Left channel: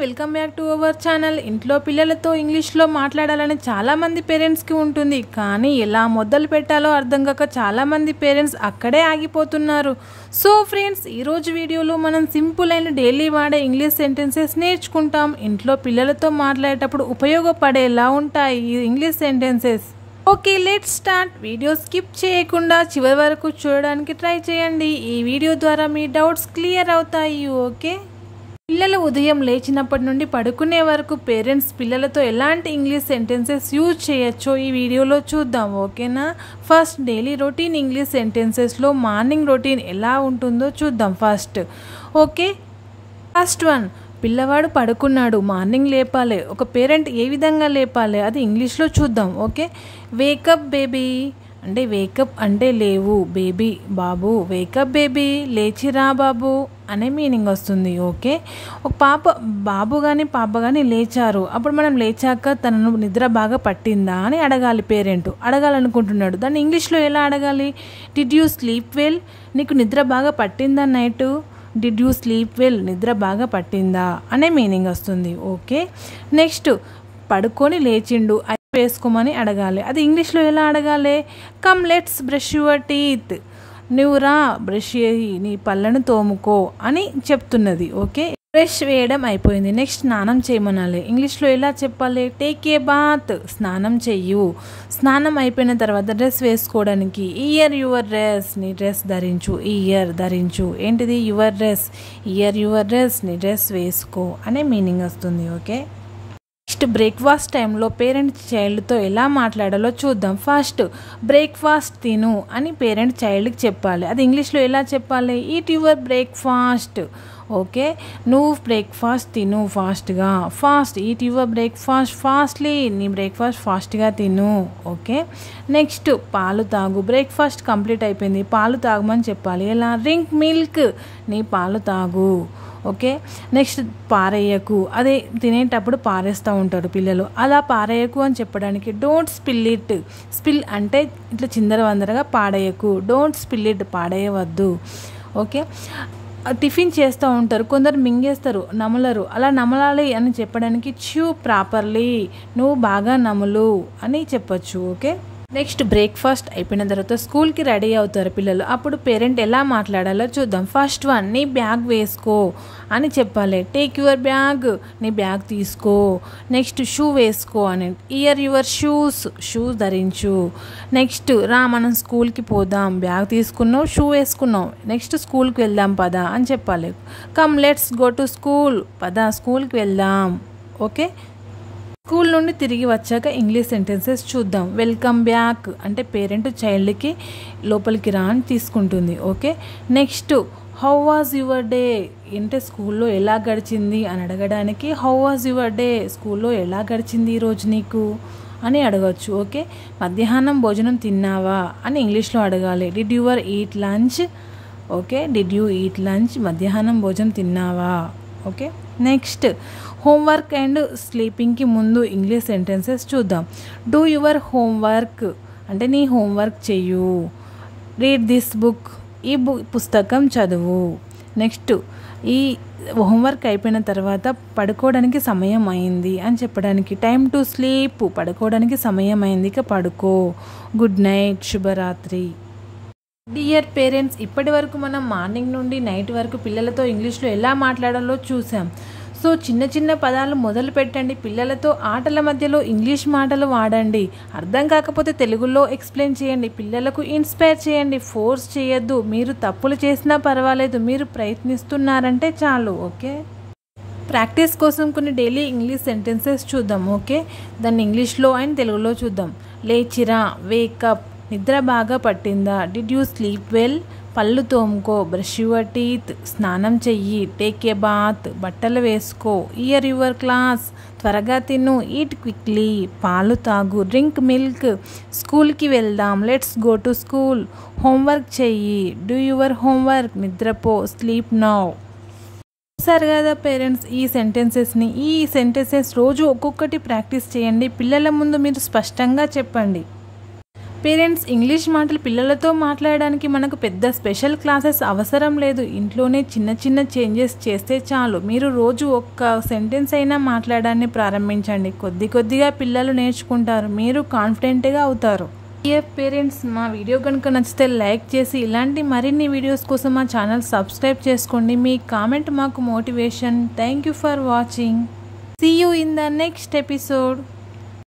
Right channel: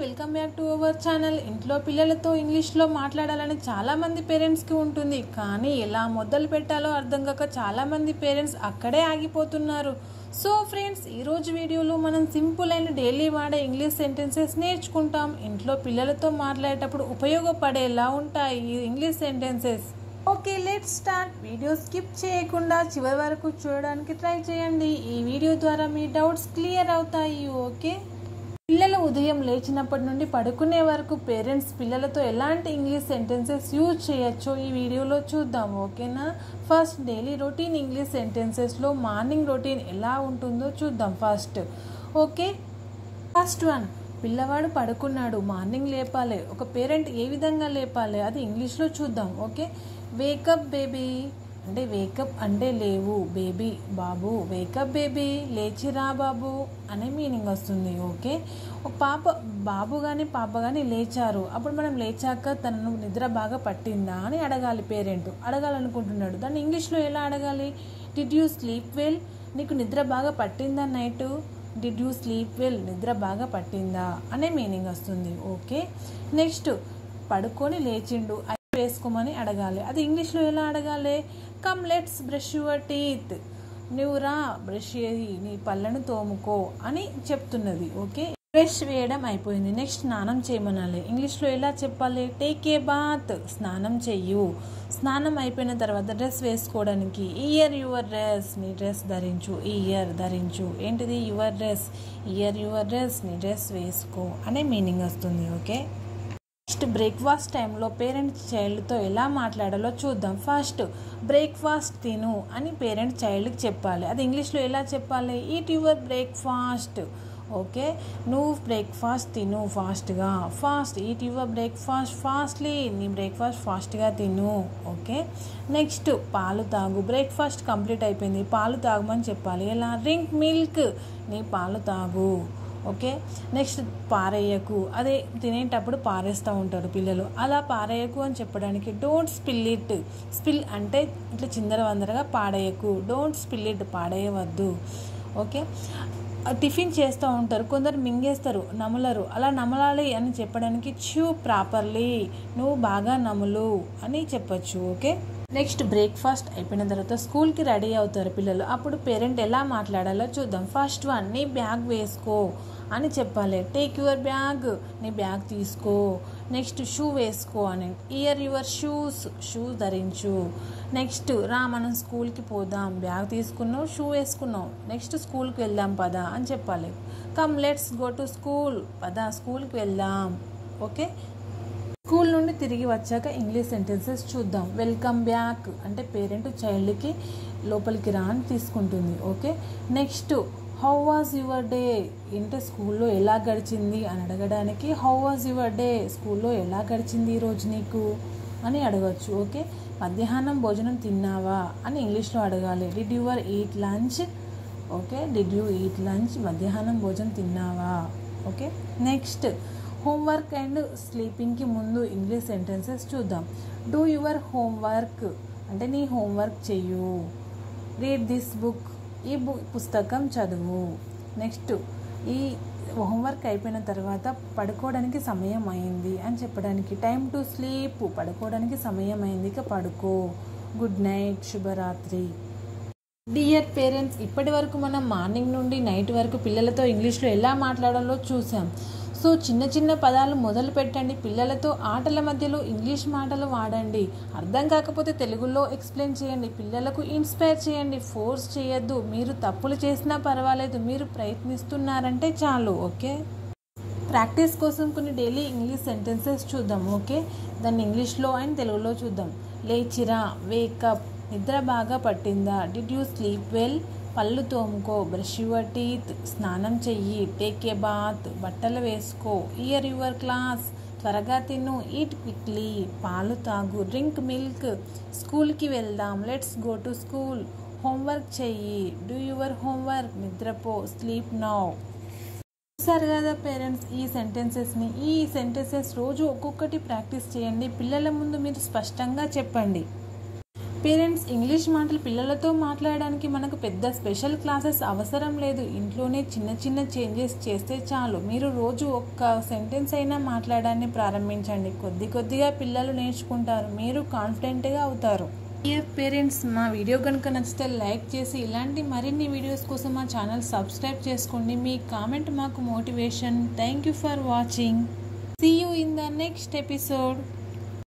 Welcome back to our channel. ఇంట్లో పిల్లలతో ఇంగ్లీష్లో మాట్లాడాలని చాలామంది పేరెంట్స్కి ఉంటుంది, కానీ ఎలా మొదలు పెట్టాలో అర్థం కాక చాలామంది పేరెంట్స్ అక్కడే ఆగిపోతున్నారు. సో ఫ్రెండ్స్, ఈరోజు వీడియోలో మనం సింపుల్ అయిన డైలీ వాడే ఇంగ్లీష్ సెంటెన్సెస్ నేర్చుకుంటాం. ఇంట్లో పిల్లలతో మాట్లాడేటప్పుడు ఉపయోగపడేలా ఉంటాయి ఈ English sentences. Okay, let's start. Video skip చేయకుండా చివరి వరకు చూడడానికి ట్రై చేయండి. ఈ వీడియో ద్వారా మీ డౌట్స్ క్లియర్ అవుతాయి. ఓకే, పిల్లలు ఉదయం లేచినప్పటి నుండి పడుకునే వరకు పేరెంట్స్ పిల్లలతో ఎలాంటి ఇంగ్లీష్ సెంటెన్సెస్ యూజ్ చేయొచ్చో ఈ వీడియోలో చూద్దాం. ఓకేనా? ఫస్ట్, డైలీ రొటీన్ ఇంగ్లీష్ సెంటెన్సెస్లో మార్నింగ్ రొటీన్ ఎలా ఉంటుందో చూద్దాం ఫస్ట్. ఓకే, ఫస్ట్ వన్, పిల్లవాడు పడుకున్నాడు, మార్నింగ్ లేపాలి. ఒక పేరెంట్ ఏ విధంగా లేపాలి అది ఇంగ్లీష్లో చూద్దాం. ఓకే, వేకప్ బేబీ అంటే వేకప్ అంటే లేవు, బేబీ బాబు, వేకప్ బేబీ లేచిరా బాబు అనే మీనింగ్ వస్తుంది. ఓకే, ఒక బాబు కానీ పాప కానీ లేచారు, అప్పుడు మనం లేచాక తనను నిద్ర బాగా పట్టిందా అని అడగాలి. పేరెంట్ అడగాలనుకుంటున్నాడు, దాన్ని ఇంగ్లీష్లో ఎలా అడగాలి? Did you sleep well? నీకు నిద్ర బాగా పట్టిందా night? Did you sleep well? నిద్ర బాగా పట్టిందా అనే మీనింగ్ వస్తుంది. ఓకే, నెక్స్ట్, పడుకొని లేచిండు, వేసుకోమని అడగాలి. అది ఇంగ్లీష్లో ఎలా అడగాలి? Come let's brush your teeth. నువ్వు రా బ్రష్ చేయి, నీ పళ్ళను తోముకో అని చెప్తున్నది. ఓకే, బ్రష్ వేయడం అయిపోయింది, నెక్స్ట్ స్నానం చేయమనాలి. ఇంగ్లీష్లో ఎలా చెప్పాలి? టేక్ ఏ బాత్, స్నానం చెయ్యు. స్నానం అయిపోయిన తర్వాత డ్రెస్ వేసుకోవడానికి ఇయర్ యువర్ డ్రెస్, నీ డ్రెస్ ధరించు. ఇయర్ ధరించు, ఏంటిది? Your dress. Year your dress, నీ డ్రెస్ వేసుకో అనే మీనింగ్ వస్తుంది. ఓకే, నెక్స్ట్, బ్రేక్ఫాస్ట్ టైంలో పేరెంట్ చైల్డ్తో ఎలా మాట్లాడాలో చూద్దాం. ఫస్ట్, బ్రేక్ఫాస్ట్ తిను అని పేరెంట్ చైల్డ్కి చెప్పాలి. అది ఇంగ్లీష్లో ఎలా చెప్పాలి? Eat your breakfast. ఓకే, నువ్వు బ్రేక్ఫాస్ట్ తిను ఫాస్ట్గా. Fast, eat your breakfast fastly, నీ బ్రేక్ఫాస్ట్ ఫాస్ట్గా తిను. ఓకే, నెక్స్ట్, పాలు తాగు. బ్రేక్ఫాస్ట్ కంప్లీట్ అయిపోయింది, పాలు తాగమని చెప్పాలి. ఎలా? డ్రింక్ మిల్క్, నీ పాలు తాగు. ఓకే, నెక్స్ట్, పారేయకు. అదే తినేటప్పుడు పారేస్తూ ఉంటారు పిల్లలు, అలా పారేయకు అని చెప్పడానికి డోంట్ స్పిల్ ఇట్. స్పిల్ అంటే ఇట్లా చిందరవందరగా పాడేయకు. డోంట్ స్పిల్ ఇట్, పాడేయవద్దు. ఓకే, టిఫిన్ చేస్తూ ఉంటారు, కొందరు మింగేస్తారు, నమలరు. అలా నమలాలి అని చెప్పడానికి చ్యూ ప్రాపర్లీ, నువ్వు బాగా నములు అని చెప్పొచ్చు. ఓకే, నెక్స్ట్, బ్రేక్ఫాస్ట్ అయిపోయిన తర్వాత స్కూల్కి రెడీ అవుతారు పిల్లలు, అప్పుడు పేరెంట్ ఎలా మాట్లాడాలో చూద్దాం. ఫస్ట్ వన్, నీ బ్యాగ్ వేసుకో అని చెప్పాలి. టేక్ యువర్ బ్యాగ్, నీ బ్యాగ్ తీసుకో. నెక్స్ట్, షూ వేసుకో అని. ఇయర్ యువర్ షూస్, షూస్ ధరించు. నెక్స్ట్, రా మనం స్కూల్కి పోదాం, బ్యాగ్ తీసుకున్నావు, షూ వేసుకున్నావు, నెక్స్ట్ స్కూల్కి వెళ్దాం పదా అని చెప్పాలి. Come let's go to school, పదా స్కూల్కి వెళ్దాం. ఓకే, స్కూల్ నుండి తిరిగి వచ్చాక ఇంగ్లీష్ సెంటెన్సెస్ చూద్దాం. వెల్కమ్ బ్యాక్ అంటే పేరెంట్ చైల్డ్కి లోపలికి రా అని తీసుకుంటుంది. Okay, next, how was your day అంటే స్కూల్లో ఎలా గడిచింది అని అడగడానికి హౌ వాజ్ యువర్ డే, స్కూల్లో ఎలా గడిచింది ఈరోజు నీకు అని అడగచ్చు. ఓకే, మధ్యాహ్నం భోజనం తిన్నావా అని ఇంగ్లీష్లో అడగాలి. Did your eat lunch. Okay, did you eat lunch, మధ్యాహ్నం భోజనం తిన్నావా. ఓకే, నెక్స్ట్, హోంవర్క్ అండ్ స్లీపింగ్కి ముందు ఇంగ్లీష్ సెంటెన్సెస్ చూద్దాం. డూ యువర్ హోంవర్క్ అంటే నీ హోంవర్క్ చెయ్యు. రీడ్ దిస్ బుక్, ఈ పుస్తకం చదువు. నెక్స్ట్, ఈ హోంవర్క్ అయిపోయిన తర్వాత పడుకోవడానికి సమయం అయింది అని చెప్పడానికి టైమ్ టు స్లీప్, పడుకోవడానికి సమయం అయింది, ఇక పడుకో. గుడ్ నైట్, శుభరాత్రి. డియర్ పేరెంట్స్, ఇప్పటి వరకు మనం మార్నింగ్ నుండి నైట్ వరకు పిల్లలతో ఇంగ్లీష్లో ఎలా మాట్లాడాలో చూసాం. సో చిన్న చిన్న పదాలు మొదలు పెట్టండి, పిల్లలతో ఆటల మధ్యలో ఇంగ్లీష్ మాటలు వాడండి. అర్థం కాకపోతే తెలుగులో ఎక్స్ప్లెయిన్ చేయండి, పిల్లలకు ఇన్స్పైర్ చేయండి, ఫోర్స్ చేయొద్దు. మీరు తప్పులు చేసినా పర్వాలేదు, మీరు ప్రయత్నిస్తున్నారంటే చాలు. ఓకే, ప్రాక్టీస్ కోసం కొన్ని డైలీ ఇంగ్లీష్ సెంటెన్సెస్ చూద్దాం. ఓకే, దాన్ని ఇంగ్లీష్లో అండ్ తెలుగులో చూద్దాం. లేచిరా, వేకప్, నిద్ర బాగా పట్టిందా? Did you sleep well? పళ్ళు తోముకో, బ్రష్ యువర్ టీత్, స్నానం చెయ్యి. టేక్ ఏ బాత్, బట్టలు వేసుకో. ఇయర్ యువర్ క్లాస్, త్వరగా తిను. ఈట్ క్విక్లీ, పాలు తాగు. డ్రింక్ మిల్క్, స్కూల్కి వెళ్దాం. Let's go to school, homework చెయ్యి. డూ యువర్ హోంవర్క్, నిద్రపో. Sleep now. చూసారు కదా పేరెంట్స్, ఈ సెంటెన్సెస్ రోజు ఒక్కొక్కటి ప్రాక్టీస్ చేయండి. పిల్లల ముందు మీరు స్పష్టంగా చెప్పండి. పేరెంట్స్ ఇంగ్లీష్ మాటలు పిల్లలతో మాట్లాడడానికి మనకు పెద్ద స్పెషల్ క్లాసెస్ అవసరం లేదు. ఇంట్లోనే చిన్న చిన్న చేంజెస్ చేస్తే చాలు. మీరు రోజు ఒక్క సెంటెన్స్ అయినా మాట్లాడడాన్ని ప్రారంభించండి. కొద్ది కొద్దిగా పిల్లలు నేర్చుకుంటారు, మీరు కాన్ఫిడెంట్గా అవుతారు. పేరెంట్స్, మా వీడియో కనుక నచ్చితే లైక్ చేసి ఇలాంటి మరిన్ని వీడియోస్ కోసం మా ఛానల్ సబ్స్క్రైబ్ చేసుకోండి. మీ కామెంట్ మాకు motivation. Thank you for watching. See you in the next episode.